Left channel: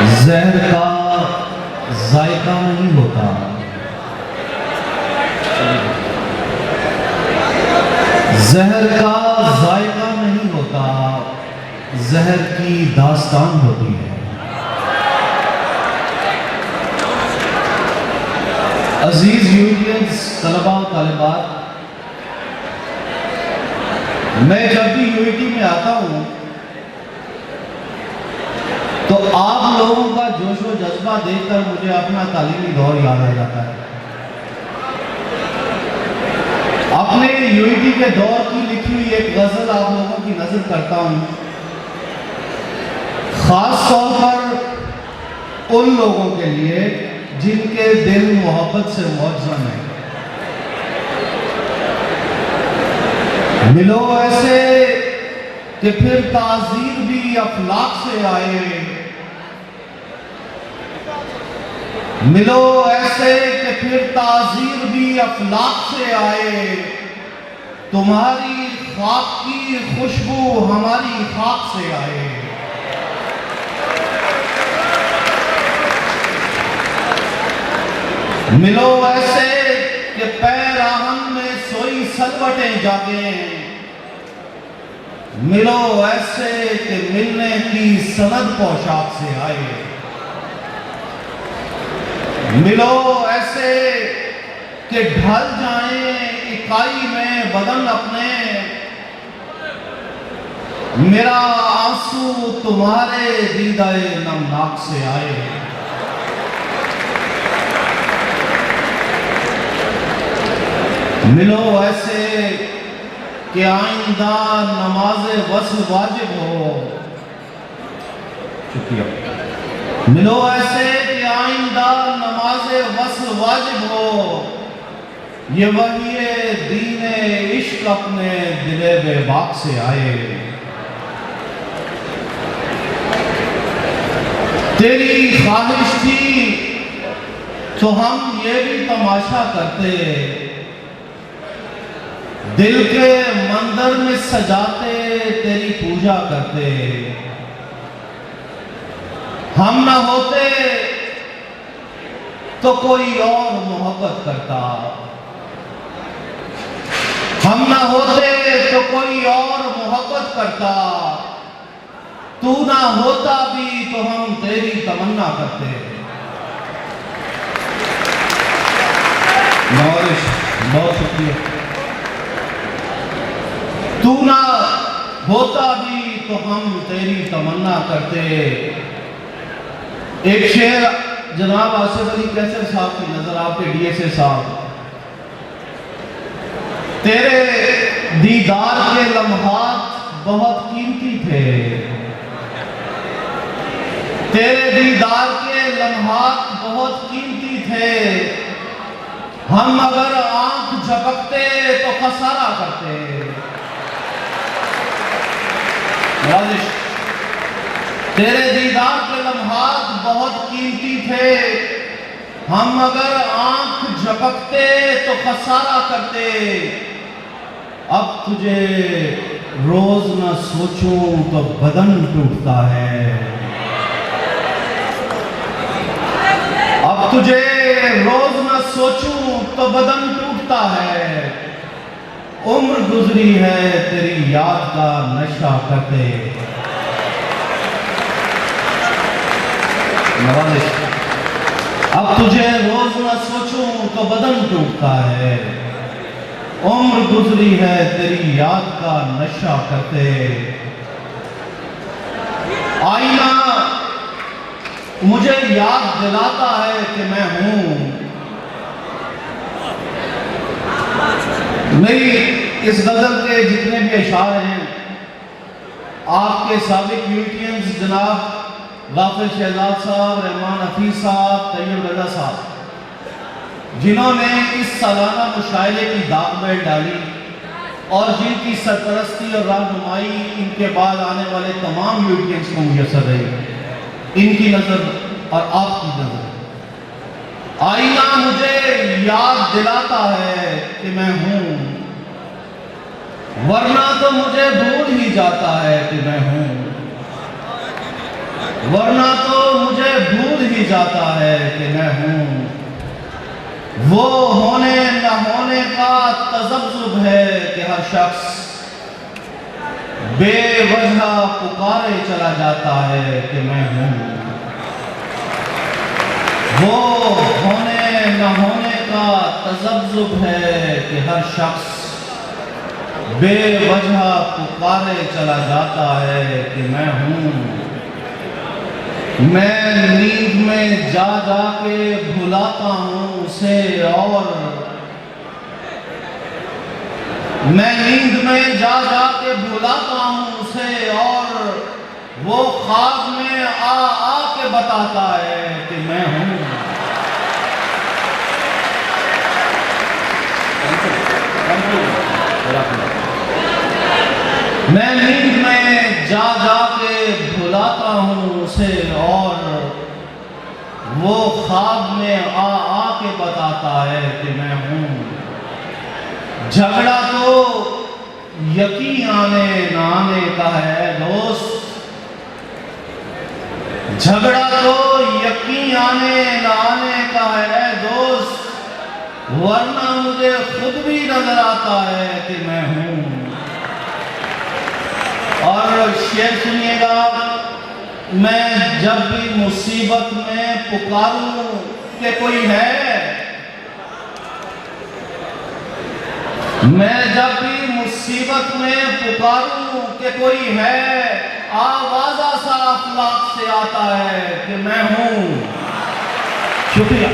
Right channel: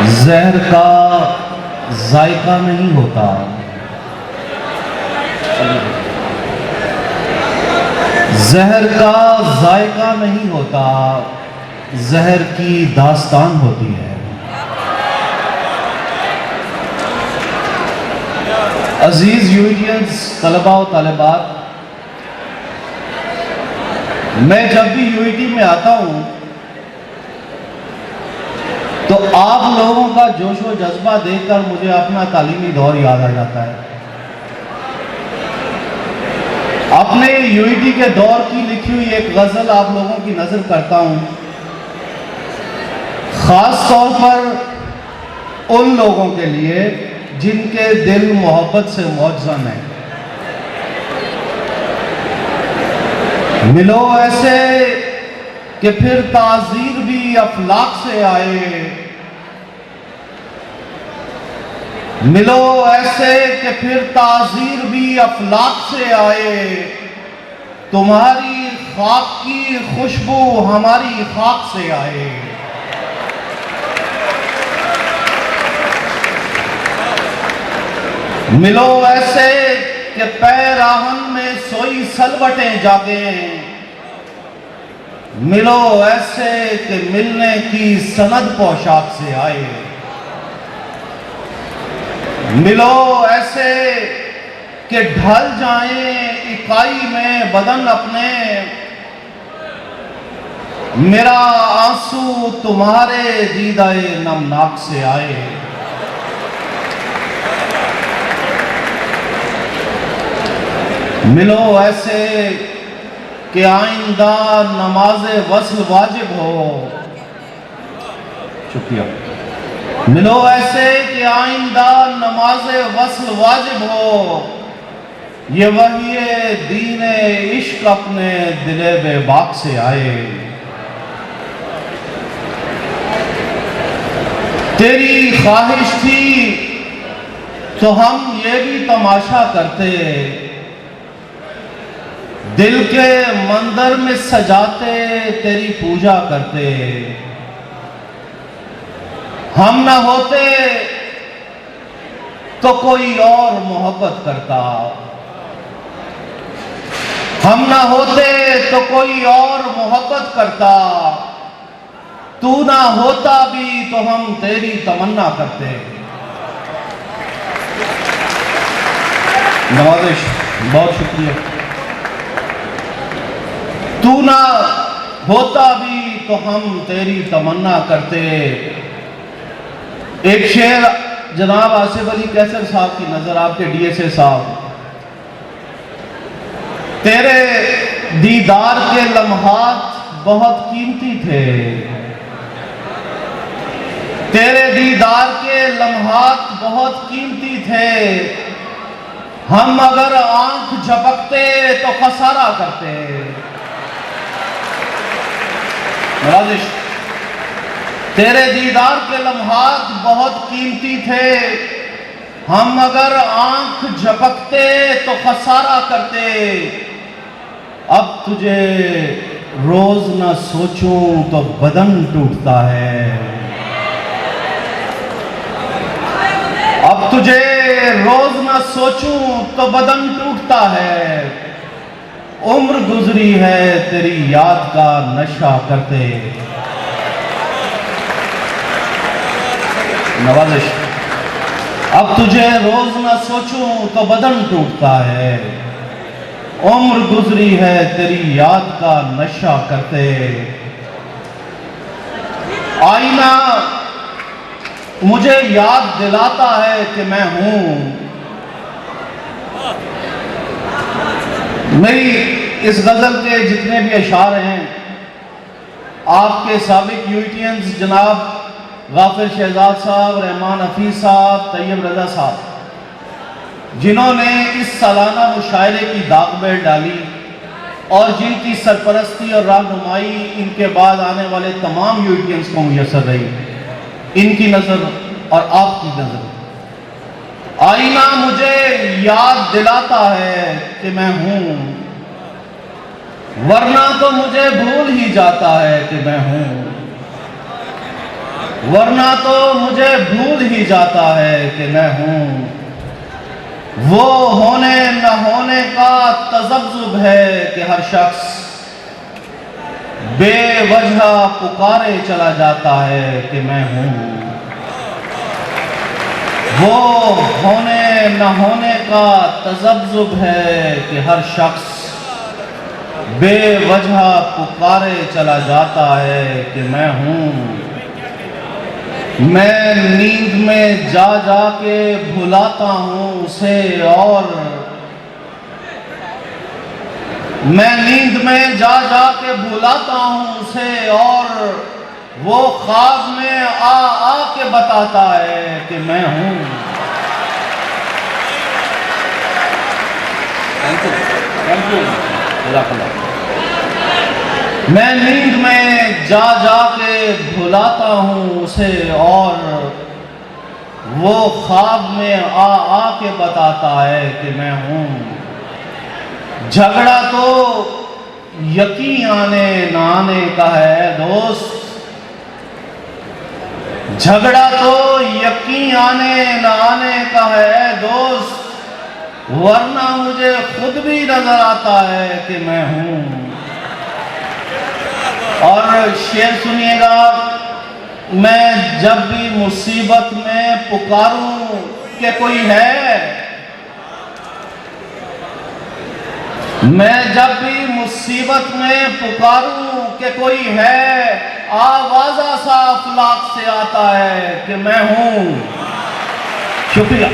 जहर का जायका नहीं होता, जहर का जायका नहीं होता, जहर की दास्तान होती है। अजीज यूनियंस, तलबा और तालिबात, मैं जब भी यूईटी में आता हूं तो आप लोगों का जोश व जज्बा देखकर मुझे अपना तालीमी दौर याद आ जाता है। अपने यूईटी के दौर की लिखी हुई एक गजल आप लोगों की नजर करता हूं, खास तौर पर उन लोगों के लिए जिनके दिल मोहब्बत से मौजूद है। मिलो ऐसे कि फिर ताज़ीर भी अफलाक से आए, मिलो ऐसे कि फिर ताज़ीर भी अफलाक से आए, तुम्हारी खाक की खुशबू हमारी खाक से आए। मिलो ऐसे कि पैराहन में सोई सलवटें जागे, मिलो ऐसे कि मिलने की सनद पोशाक से आए। मिलो ऐसे कि ढल जाएं इकाई में बदन अपने, मेरा आंसू तुम्हारे दीदाए नमनाक से आए। मिलो ऐसे कि आइंदा नमाज़े वस्ल वाजिब हो, शुक्रिया। मिलो ऐसे कि आइंदा नमाज़े वस्ल वाजिब हो, ये वही दीने इश्क अपने दिले बेबाक से आए। तेरी ख्वाहिश थी तो हम ये भी तमाशा करते, दिल के मंदिर में सजाते तेरी पूजा करते। हम न होते तो कोई और मोहब्बत करता, हम न होते तो कोई और मोहब्बत करता, तू ना होता भी तो हम तेरी तमन्ना करते। नवाज़िश, बहुत शुक्रिया। तू ना होता भी तो हम तेरी तमन्ना करते। एक शेर जनाब आसिफ अली कैसर साहब की नजर, आपके डीएसए साहब, तेरे दीदार के लम्हात बहुत कीमती थे, तेरे दीदार के लम्हात बहुत कीमती थे, हम अगर आंख झपकते तो खसारा करते। तेरे दीदार के लम्हात बहुत कीमती थे, हम अगर आंख झपकते तो खसारा करते। अब तुझे रोज न सोचूं तो बदन टूटता है, अब तुझे रोज न सोचूं तो बदन टूटता है। उम्र गुजरी है तेरी याद का नशा करते। नवाज़िश, अब तुझे रोज न सोचूं तो बदन टूटता है, उम्र गुजरी है तेरी याद का नशा करते। आईना मुझे याद दिलाता है कि मैं हूं, मेरी इस गजल के जितने भी अशार हैं, आपके साबिक यूटीएंस जनाब गाफिर शहजाद साहब, रहमान हफीज साहब, तैयब रजा साहब, जिन्होंने इस सालाना मुशायरे की दागबेल डाली और जिनकी सरपरस्ती और रहनुमाई इनके बाद आने वाले तमाम यूटीएंस को मुयसर रही, इनकी नजर और आपकी नजर। आईना मुझे याद दिलाता है कि मैं हूं, वरना तो मुझे भूल ही जाता है कि मैं हूं। वरना तो मुझे भूल ही जाता है कि मैं हूं। वो होने न होने का तज़ब्ज़ुब है कि हर शख्स बेवजह पुकारे चला जाता है कि मैं हूं। वो होने न होने का तज़ब्ज़ुब है कि हर शख्स बेवजह पुकारे चला जाता है कि मैं हूं। मैं नींद में जा जा के भुलाता हूं उसे, और मैं नींद में जा जा के भुलाता हूं उसे, और वो ख्वाब में आ के बताता है कि मैं हूं। Thank you. मैं नींद में जा जा के भुलाता हूं उसे, और वो ख्वाब में आ के बताता है कि मैं हूं। झगड़ा तो यकीन आने न आने का है दोस्त, झगड़ा तो यकीन आने न आने का है दोस्त, वरना मुझे खुद भी नजर आता है कि मैं हूं। और शेर सुनिएगा, मैं जब भी मुसीबत में पुकारूं कि कोई है, मैं जब भी मुसीबत में पुकारूं कि कोई है, आवाज़ा सा अफलाक से आता है कि मैं हूं। शुक्रिया।